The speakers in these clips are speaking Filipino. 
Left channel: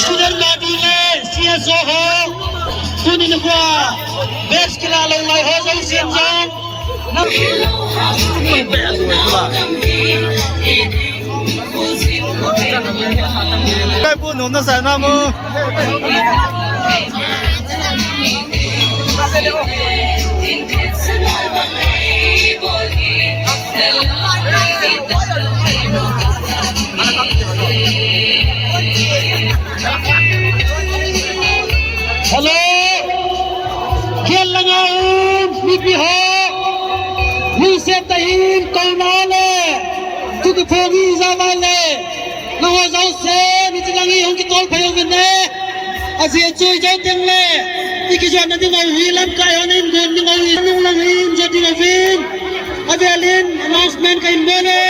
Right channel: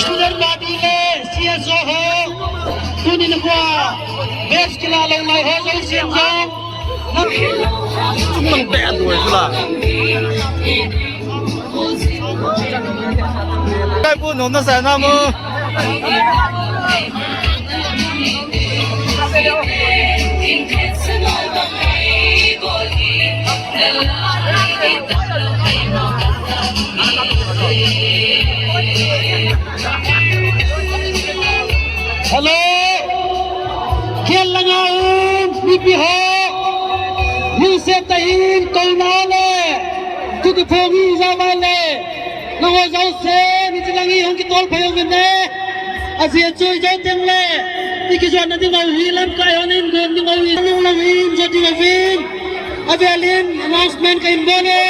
Student body le CSO ho tunin ko best kila long lai ho jong sian jong该不弄的啥那么？ Hello, खेल लगाऊं निपी है, निसे तहीन कलमाले, तुक फोगी जामाले, लोगों जाओ से निचलांगी हम की तोल भाइयों में ने, असी चुई जाओ तेंगले, इकिजों नदी गावी लम कायों ने इंगों गावी लंगी jadi gavin, अभी अलिन announcement का इंबोने.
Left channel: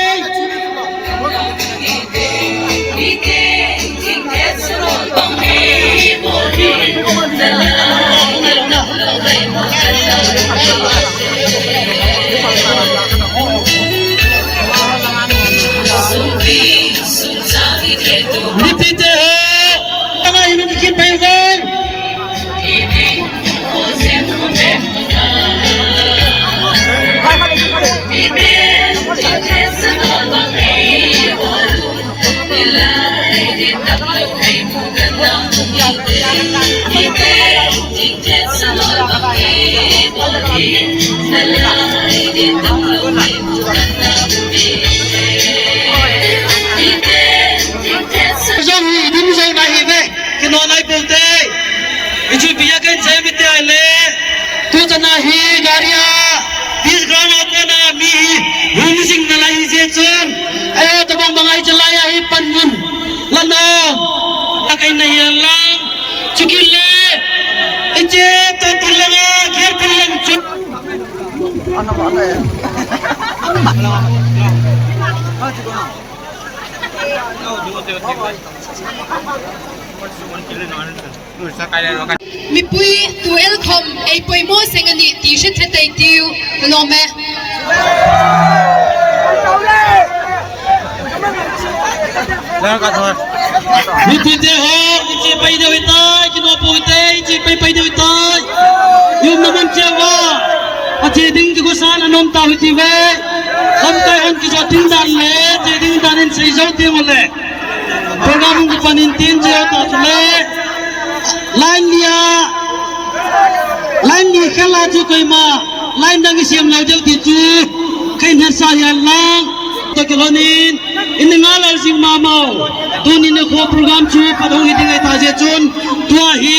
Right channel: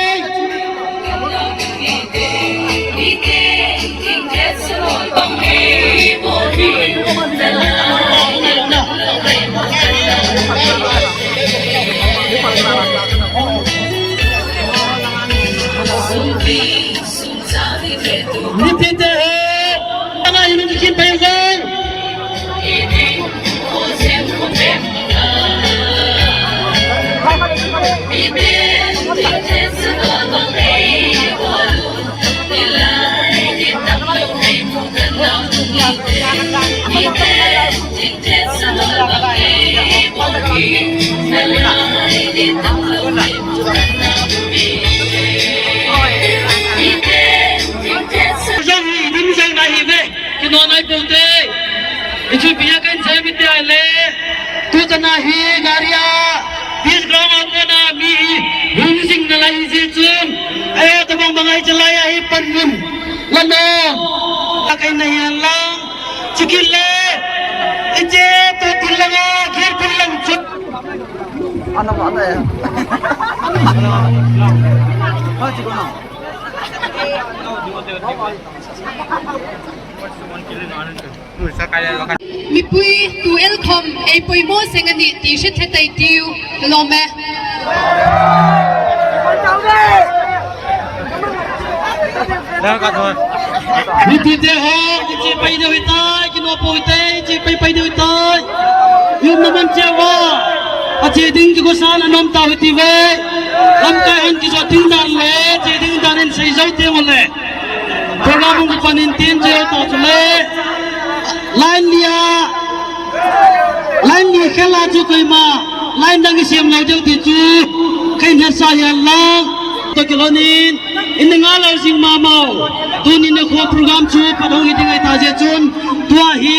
Repeat it. Ana ini bikin pengen. Nonai bolte, itu biar kan saya minta le, tu jangan hi garia, bis ground apa na mi, hulu sing nalai sejun, ayo tabang bangai celaya hi pangun, lalu, akai nahi Allah, cukil le, enje tu tilanga, kir tilang cuk. Mi pui tu elkom ei pui mo sengani ti shet hetai tiu lome Mi pite ho chi pai de hitai ki no poi tai chi pai de hitai yum naman chewa achi ding ki gosan anom ta hiti ve hum ta han ki jo tin dan le chi ding danin sei jo te male program ko panin tin je ta chule line ni khala chu koi ma line dang siam lau jau ti chu kain ha sa ya la to kolonin in nga la sing ma mau tunin ko program chu pa dong hi ding ta je chun tua hi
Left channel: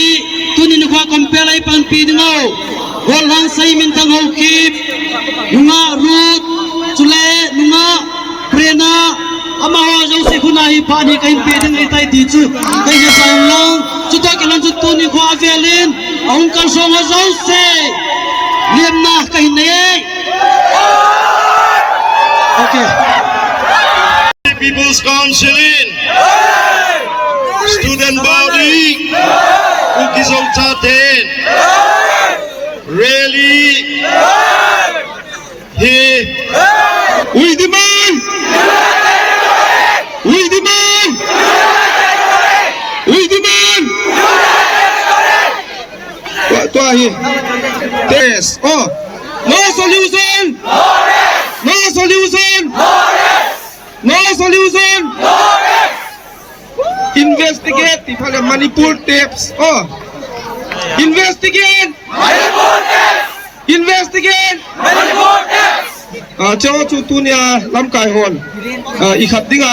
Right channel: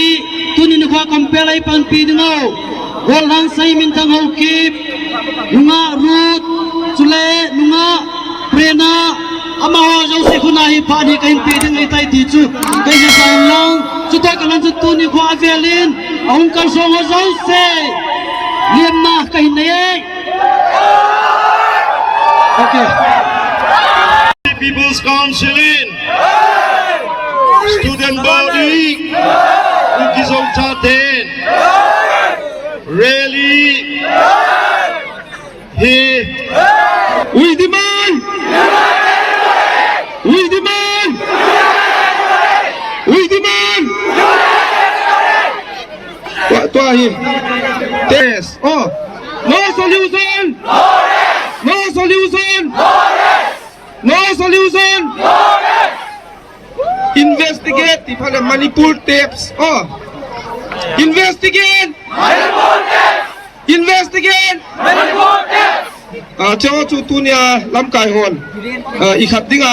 tunin ko compare ai pan pi ding au gol hang sai min tang ho kip nunga root chule nunga prena ama ho jo se khuna hi pa ni kain pi ding ai tai ti chu kai ha sa long chu ta kalan chu tunin ko avelin ong kal so ho zo se liam na kai nei okay People's Council, Student Body, Ukisol Chaten, Rally, we demand, what do I hear? Yes, oh, no solution, no solution. No solution. Investigate the Manipur tapes. Oh, investigate. Manipur tapes. Investigate. Manipur tapes. Chawa chu tu nia lam kai hon. Ikhat dinga.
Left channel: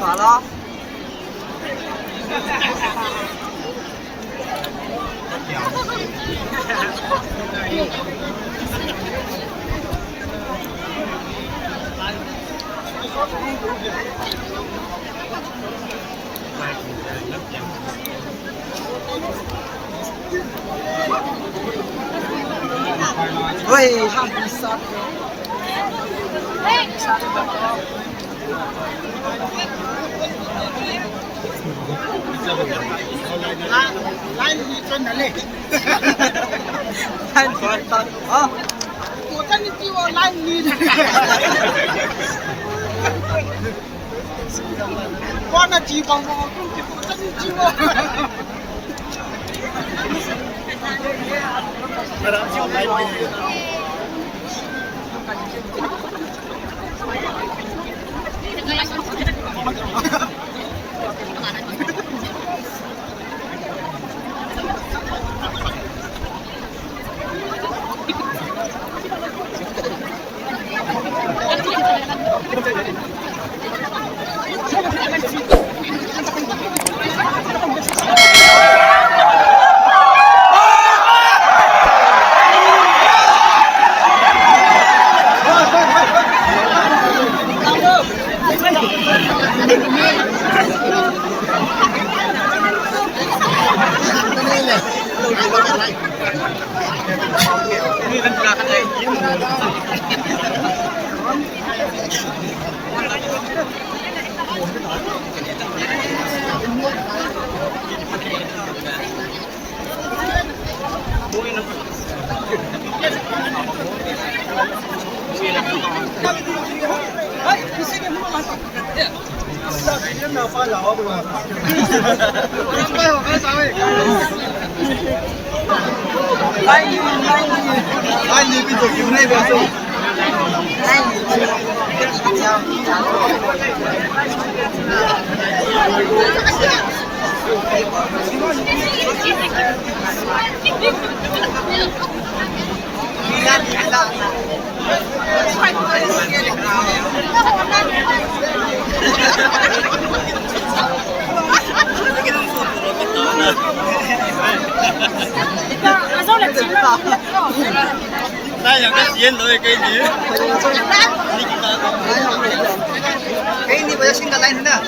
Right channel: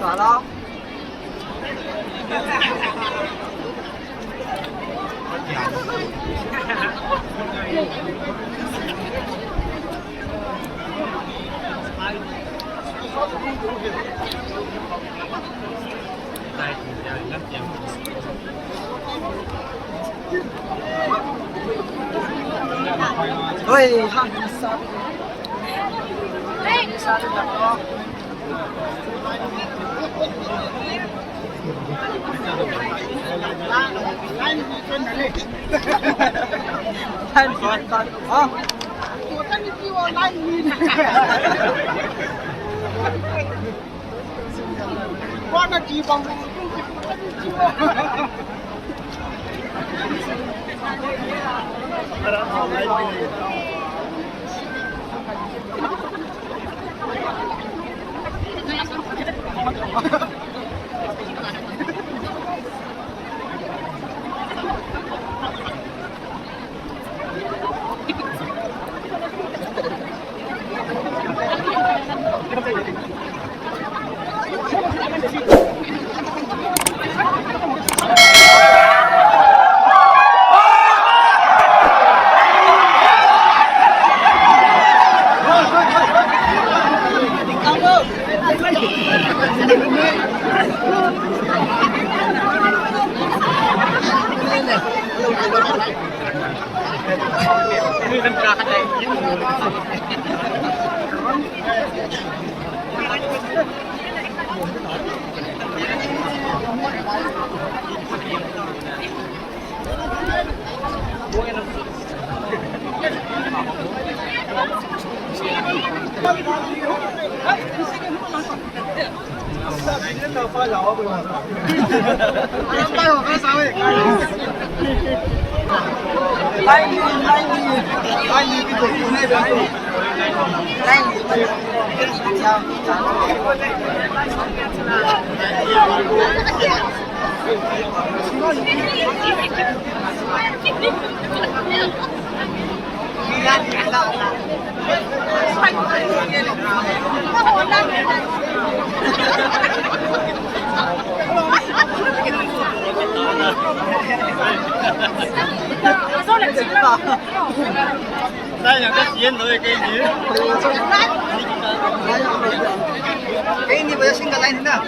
好了。喂，哈比萨。来，你真的累。太难了啊！我跟你比，我来你。我那几帮我跟你比我。来，你比走那边走。来，你们叫你看你看他。带两个钱都会给你。给你，我要新的来听的啊。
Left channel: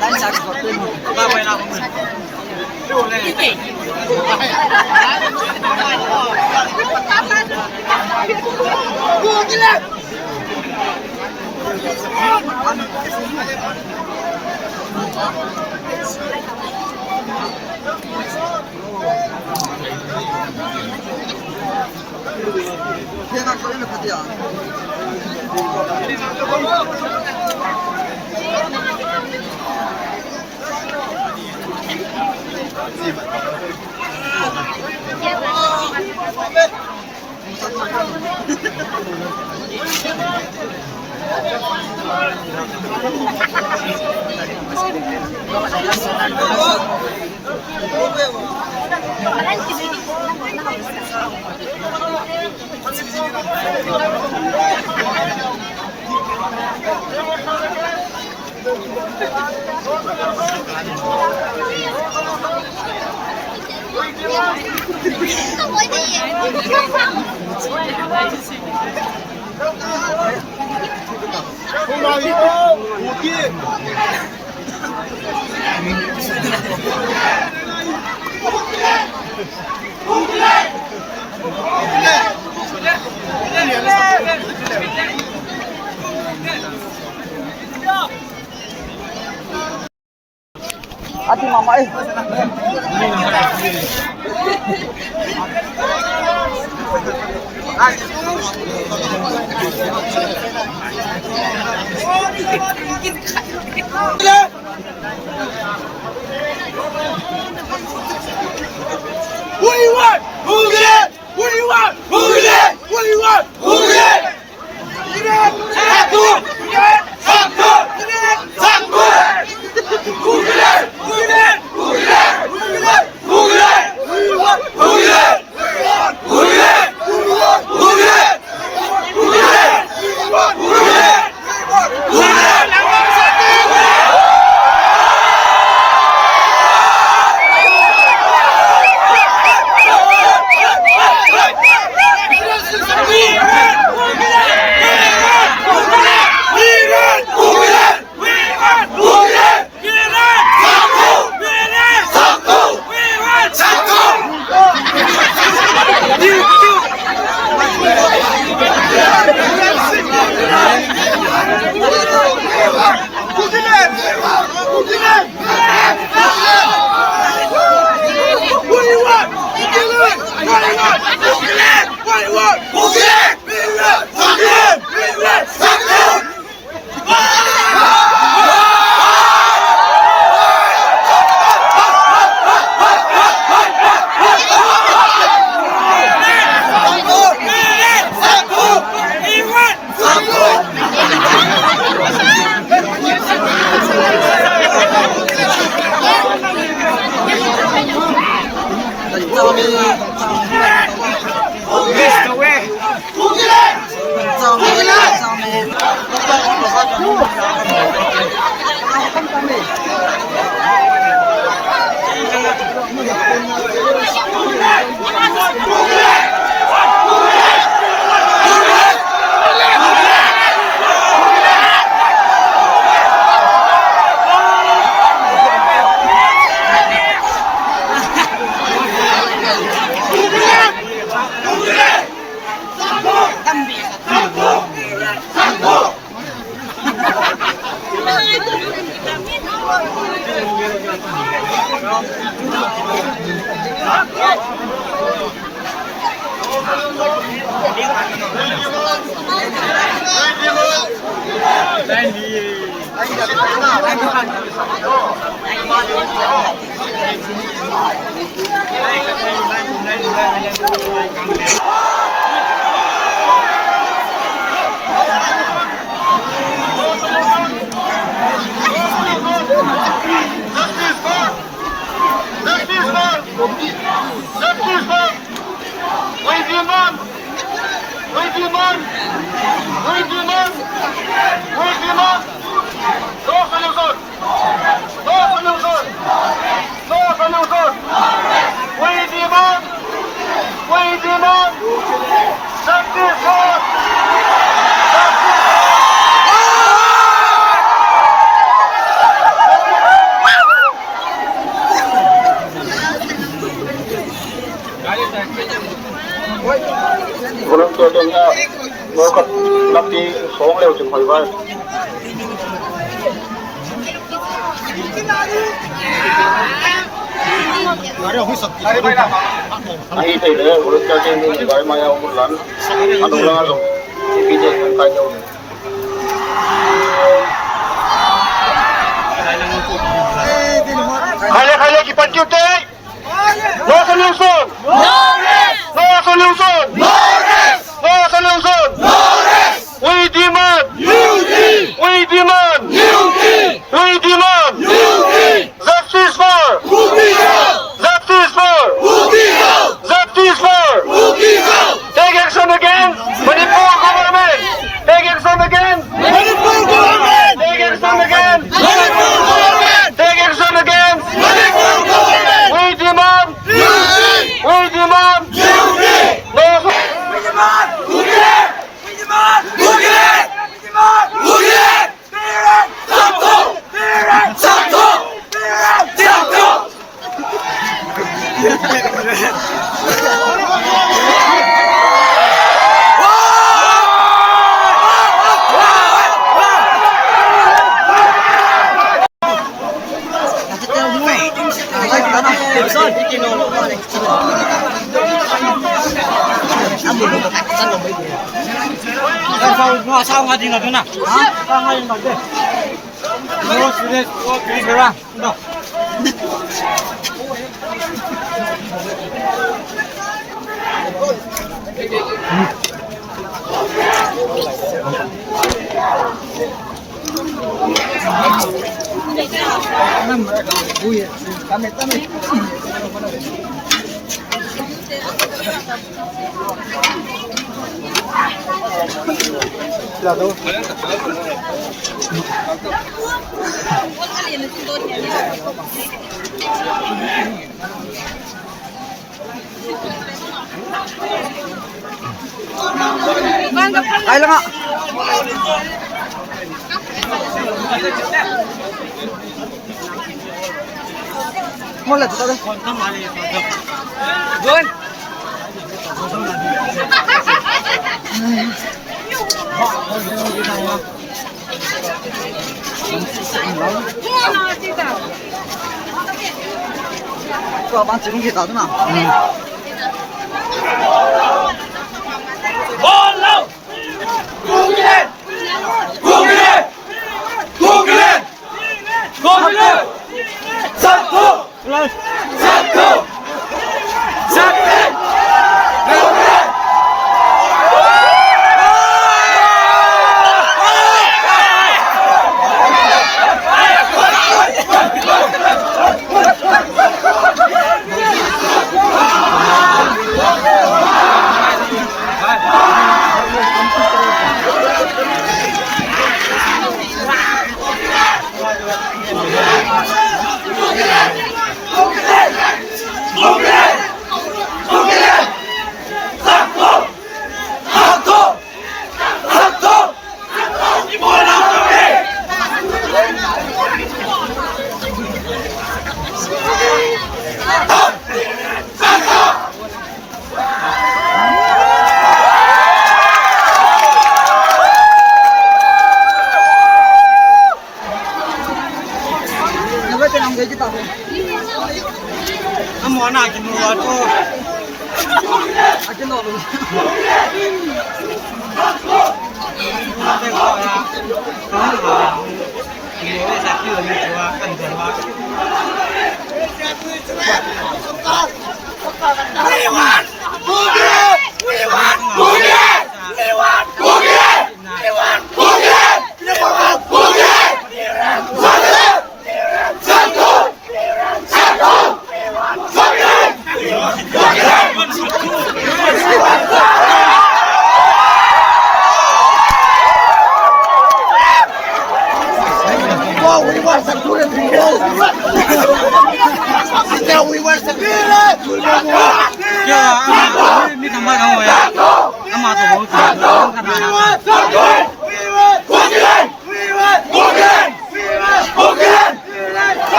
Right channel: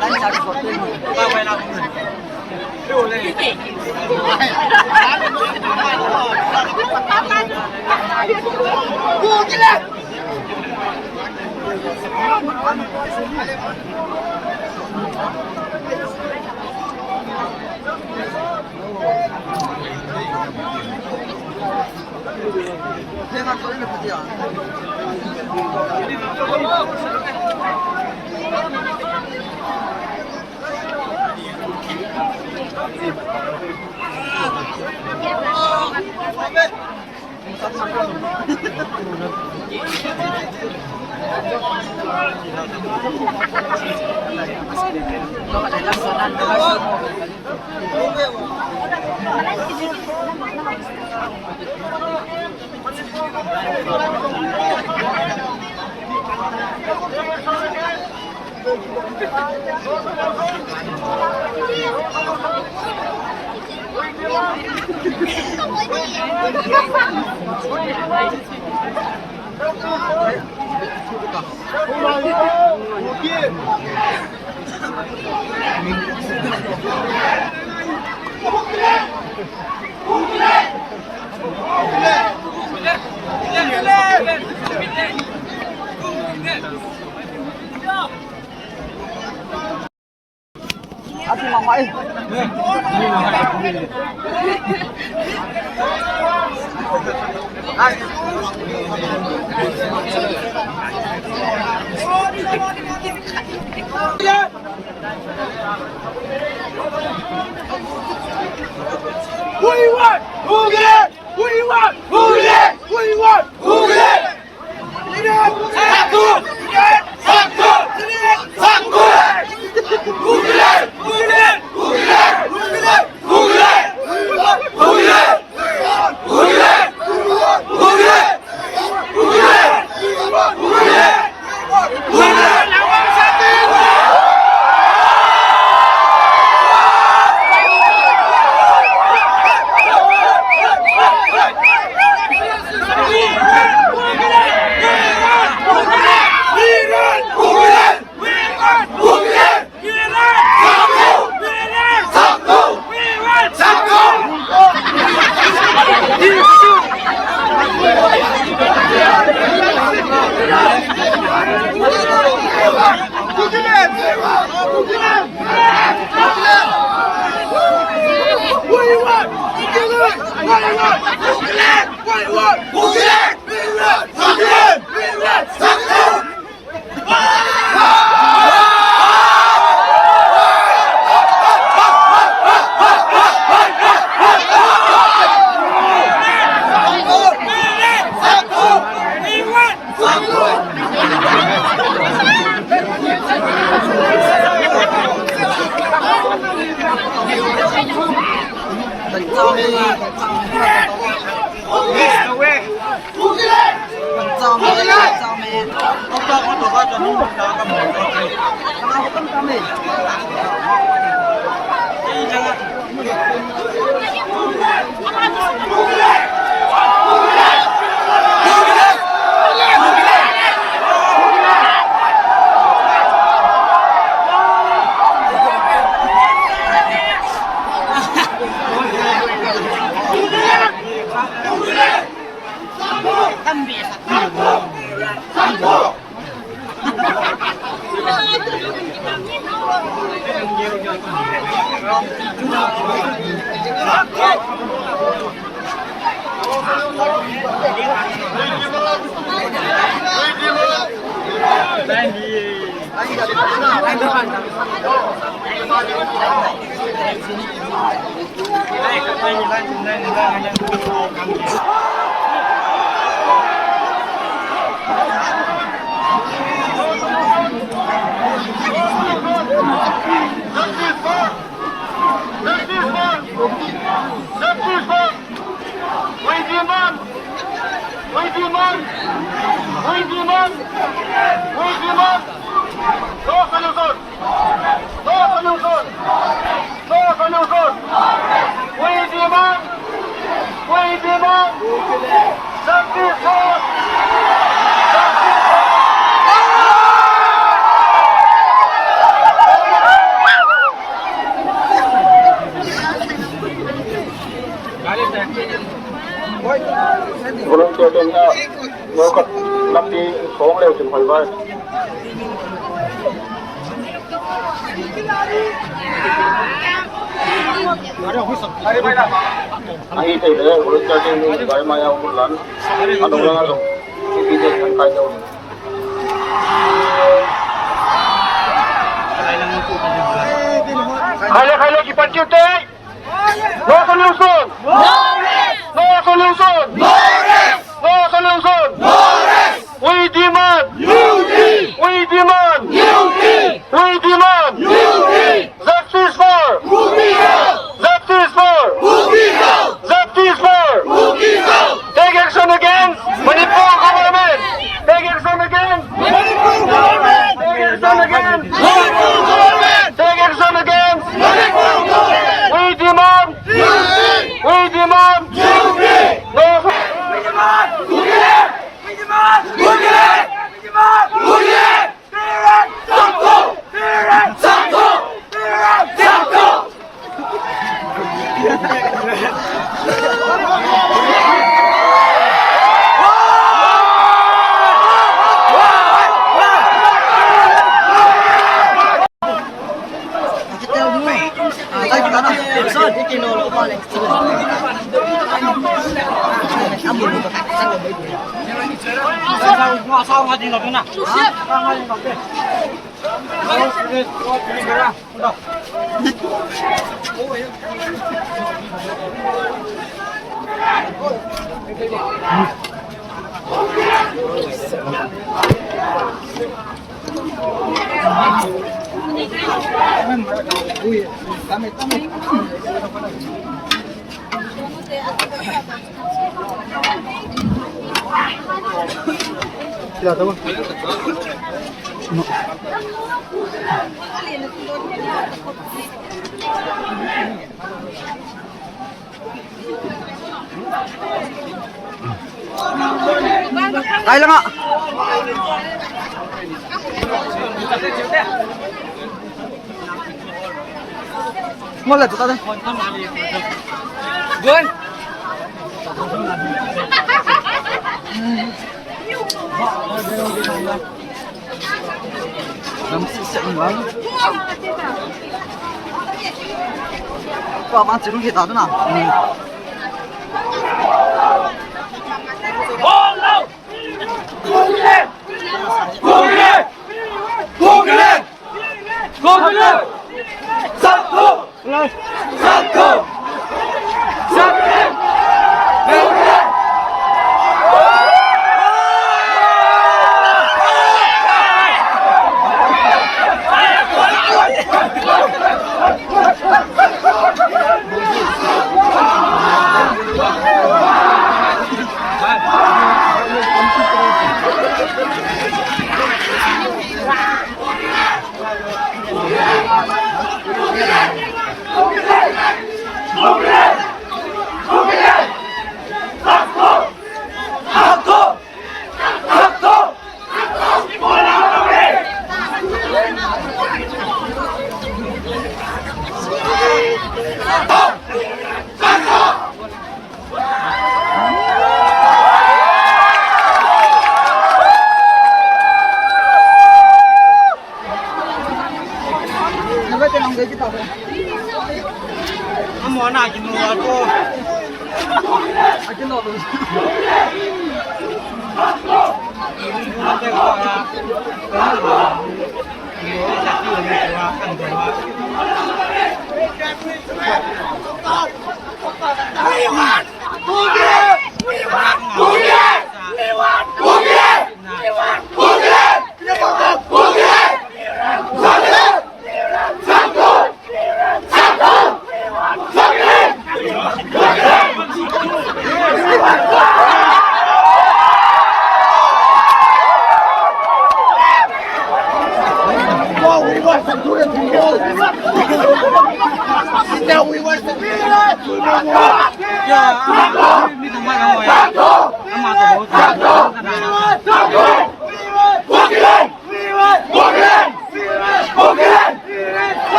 来下去搞对吗？大白拿红的。对嘞。过进来。天哪，讨厌的不对啊！Ati mama eh. What do you want? Who get it? What do you want? Who get it? What do you want? Walang tuwa nga, mga napi song leo chừng hồi vai. Anh thấy đấy, walang tuwa chừng vai maya umur lan, ano lang ano, pijat ng kanya. Kaya kipat kita, no solution. No solution! No rest! No solution! No rest! We demand! Unity! We demand! Unity! We demand! Unity! Justice for! Justice for! Justice for! Take action against Manipur government! Take action against Manipur government! Take action against Manipur government! Take action against Manipur government! We demand! Unity! We demand! sao nga din na? Ha? Sao nga din na? Ano sila ko pera? Ito. Uy, kami. Lado. Ay lang nga. Mula tuh tadi. Gun. 爸爸这东西咋的呢？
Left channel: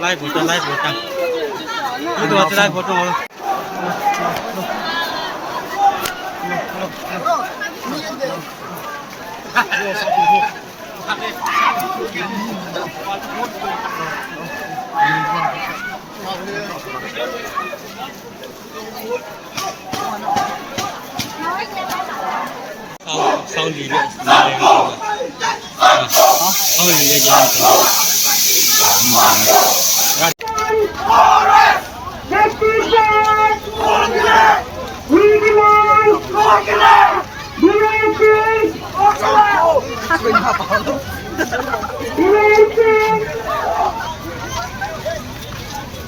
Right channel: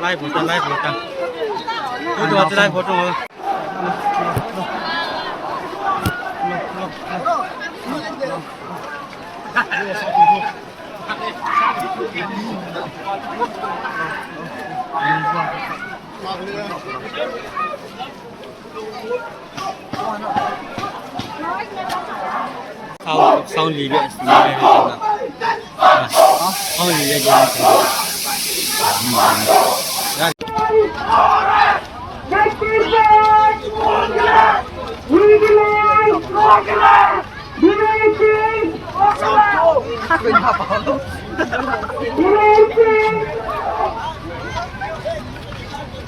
来不着，来不着，有多少来不着？sau lì lệ sau lì lệ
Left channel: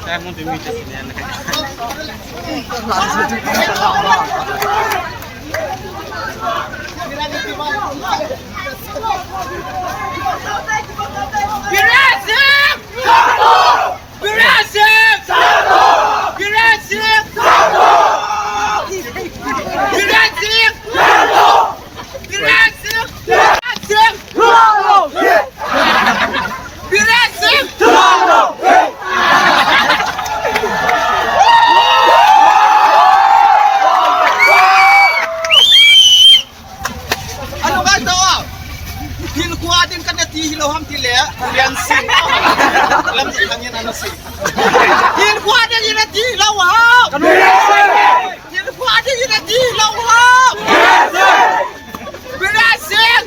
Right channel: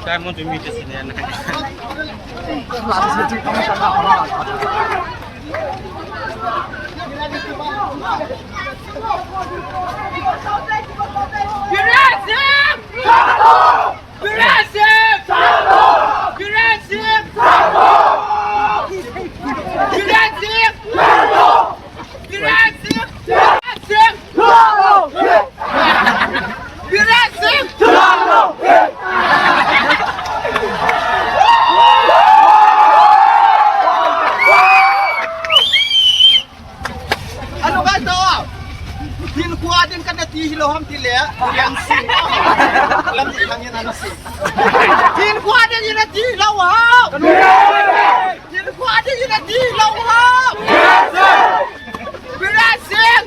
saya mau demi di sini langsung itu kamu tak tahu lah. Yang sin, lam hanya nasi. Tin kuat ada yang nanti lawak. Tin kuat ada yang nanti lawak. Berhasil.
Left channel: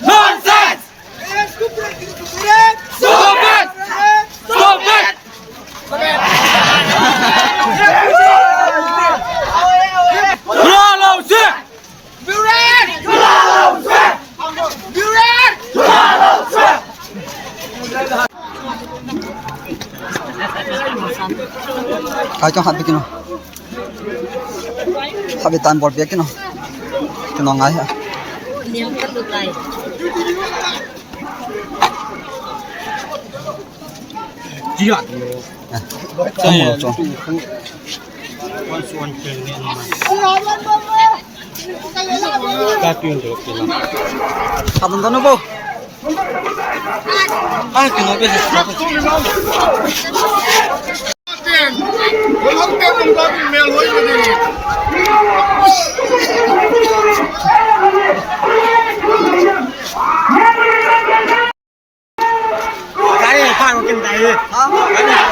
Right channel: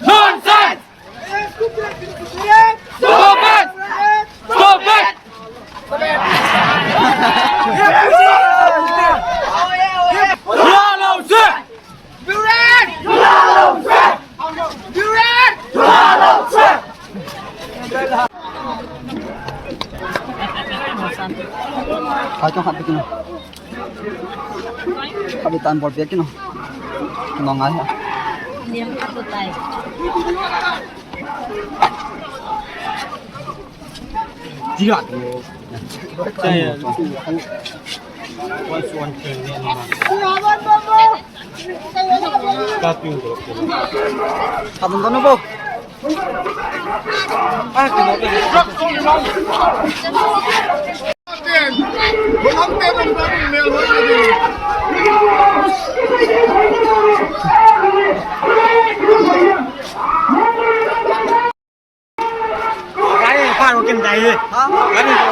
Nonsense! Stop it! Stop it! Ai cho hạt bikin hạt bị tan bọt bikin nó ngay hả niềm cắt được tay Chỉ đoạn trong quan xuân trường này mà ca tuyên được hạt mình có nó vô ai cái nói cái gì Không tên ông ta bị mèo lối rồi đi. cái này pha có kinh tế đi hả cái này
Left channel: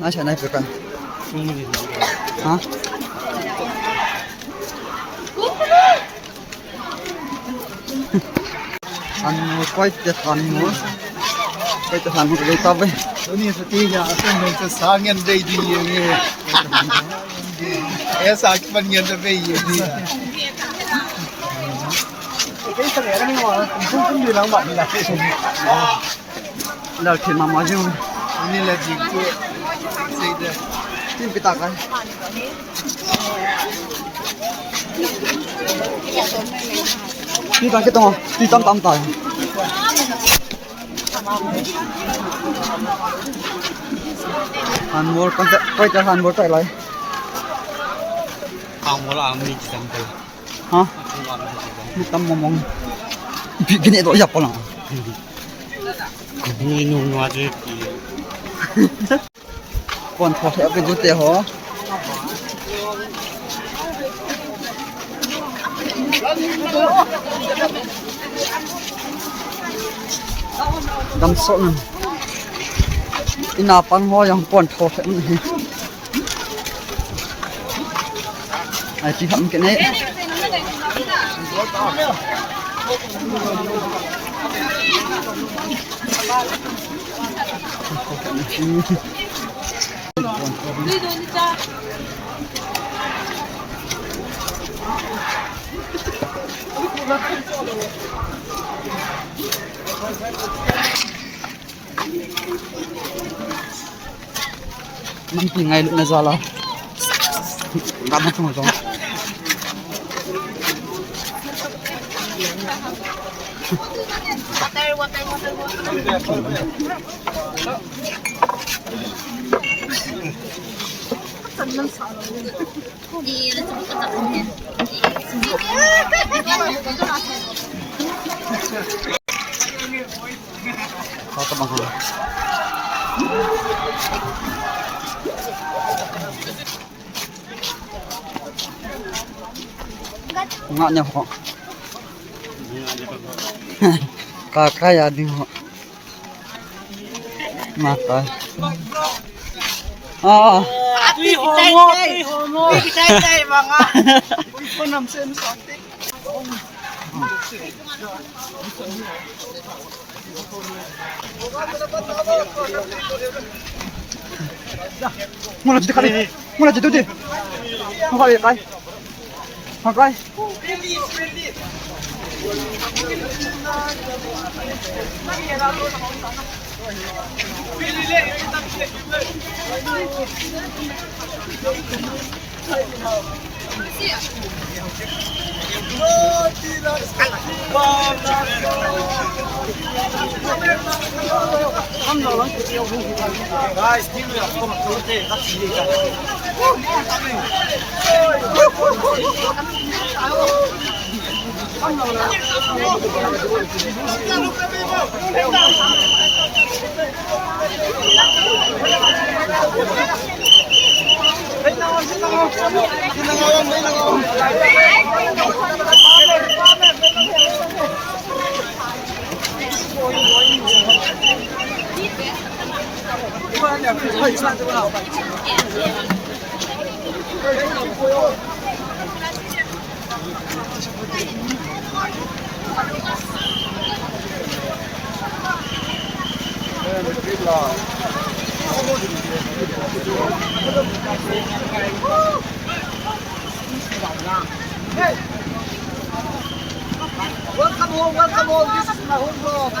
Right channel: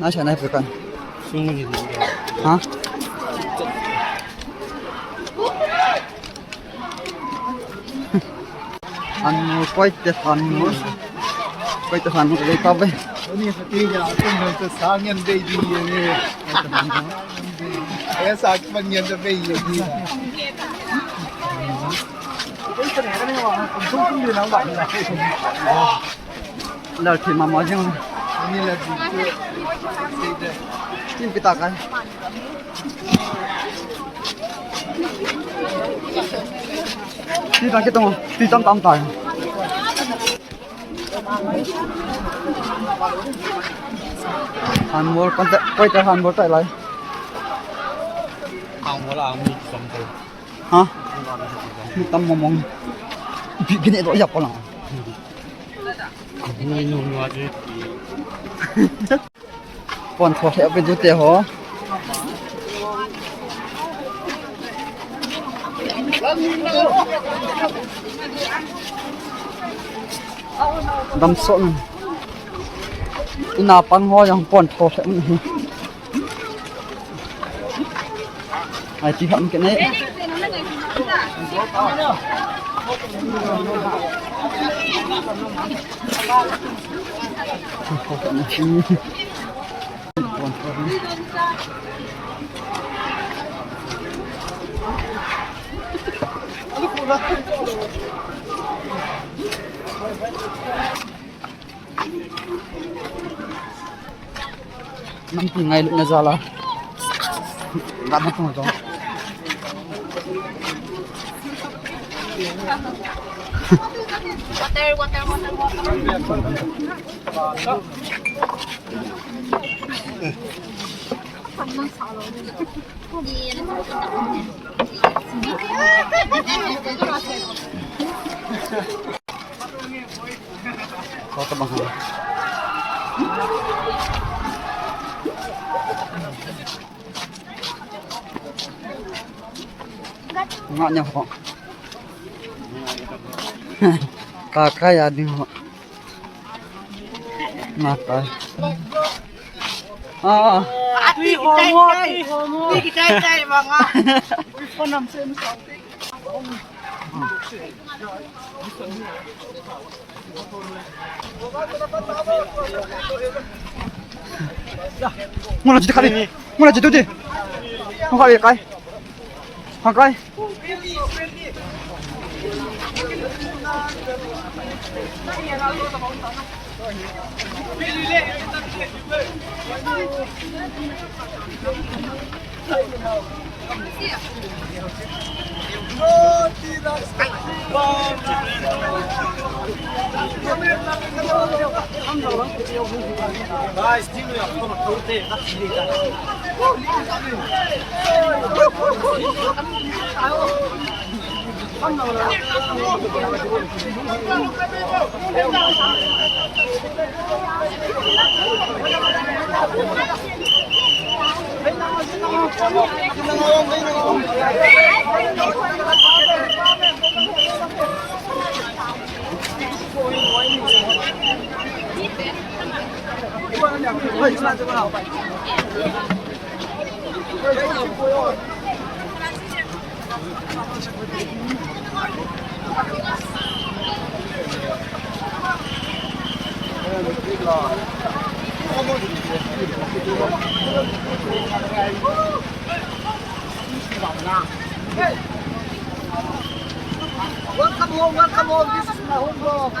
nói chuyện này phải cần hả ăn mua quay cho phần mua quay cho phần một cái tao với Ini sepertinya aku macam sangat baby yang sakit panjang tu baby ni. lời thì mà nói chứ Ini lagi tu saya tin cái tạc ấy đi cái tông đi tâm tâm tài Hàn Quốc con quay cho Hàn Quốc chạy lại không có là mình chỉ cần từ hả mình tâm mong mong cái này tôi dập vào nào nuôi nuôi nuôi chứ còn thọ theo cái chút tiền hả đâm sộn ina pang ho yang pon thọ theo này ai chỉ hậm cái này năm chỉ ngày lượng là ra là Gaman mo ito. Kau terbang sana. Ngaknya kok. Kakak ya di mata. Ah. Tuy homo. Chay mga. Panam sen sotik. Mula dito kali. Mula dito di. Makali kay. Makay. Welcome home. This is my home vlog.